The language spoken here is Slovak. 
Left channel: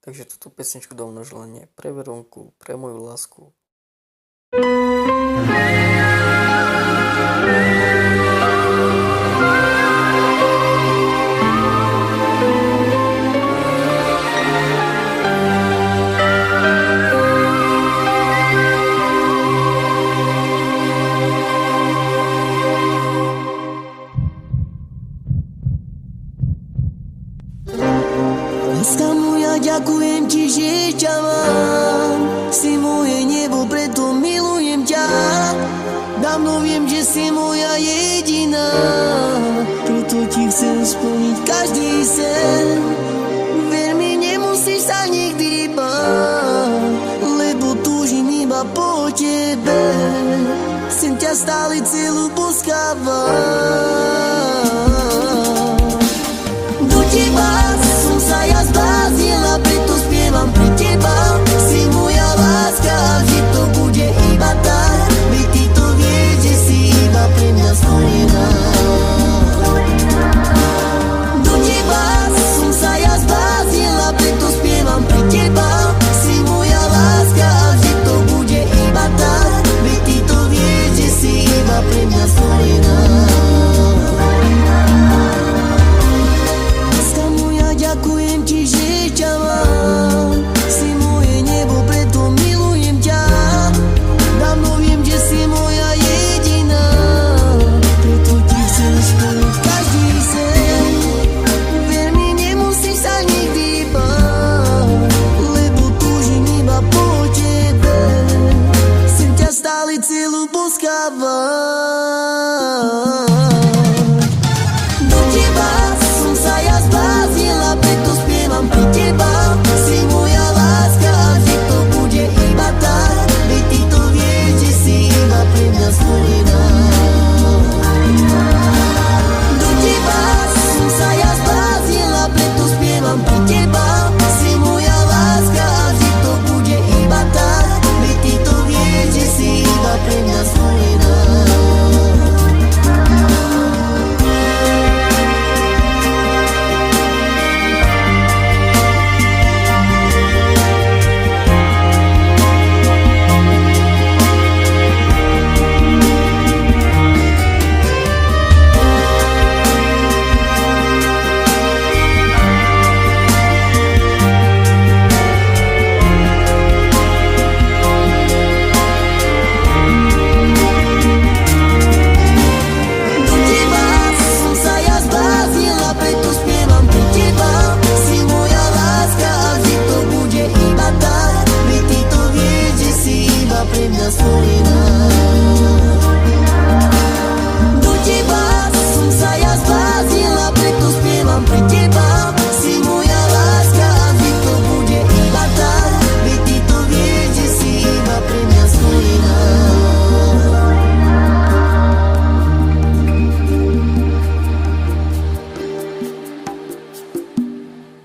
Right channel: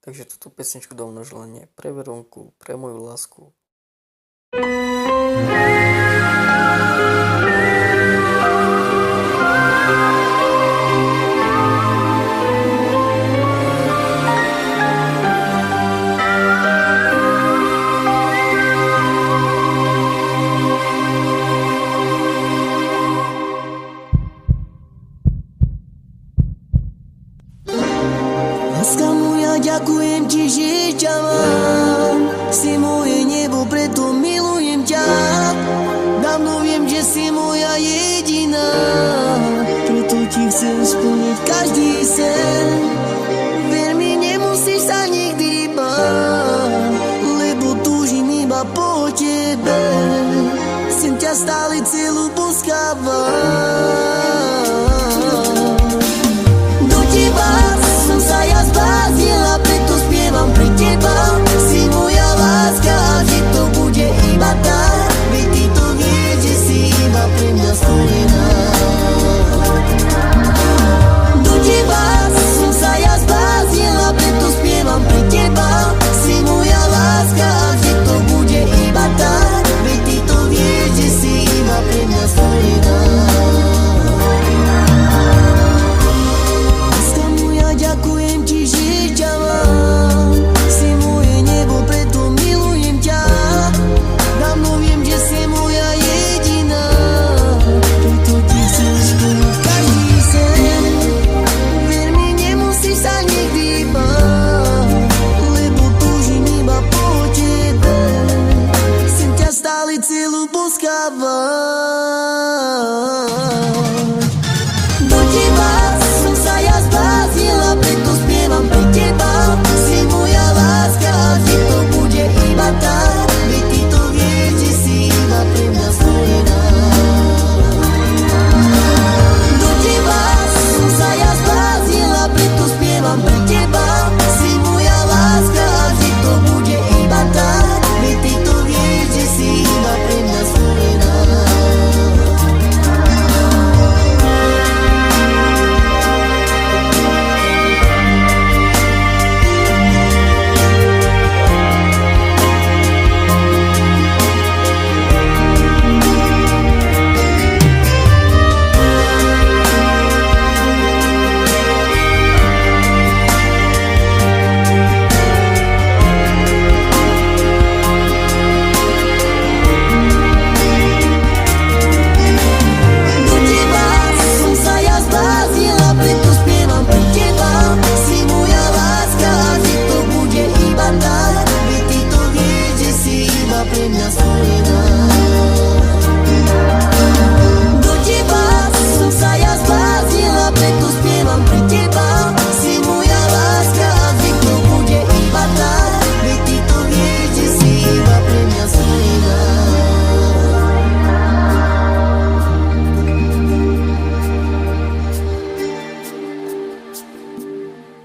Takže túto pesničku dám na želanie pre Veronku, pre moju lásku. Láska moja, ďakujem ti, že ťa mám. Si moje nebo, preto milujem ťa. Dávno viem, že si moja jediná, preto ti chcem splniť každý sen. Ver mi, nemusíš sa nikdy báť, lebo túžim iba po tebe. Chcem ťa stále celú poskávať. Do teba som sa ja zbláznila, preto spievam pre teba. Si moja láska a vždy to bude iba tak. Veď ty to vieš, že si iba pre mňa stvorená. Do teba som sa ja zbláznila, preto spievam pre teba. Si moja láska a vždy to bude iba tak. Veď ty to vieš, že si iba pre mňa stvorená. Ďakujem ti, že ťa mám. Si moje nebo, preto milujem ťa. Dávno viem, že si moja jediná, preto ti chcem splniť každý sen. Ver mi, nemusíš sa nikdy báť, lebo túžim iba po tebe. Chcem ťa stále celú poskávať. Do teba som sa ja zbláznila, preto spievam pre teba. Si moja láska a vždy to bude iba tak. Veď ty to vieš, že si iba pre mňa stvorená. Do teba som sa ja zbláznila, preto spievam pre teba. Si moja láska a vždy to bude iba tak. Veď ty to vieš, že si iba pre mňa stvorená. Preto spievam pre teba. Si moja láska a vždy to bude iba tak. Veď ty to vieš, že si iba pre mňa stvorená. Do teba som sa ja zbláznila, preto spievam pre teba. Si moja láska a vždy to bude iba tak. Veď ty to vieš, že si iba pre mňa stvorená.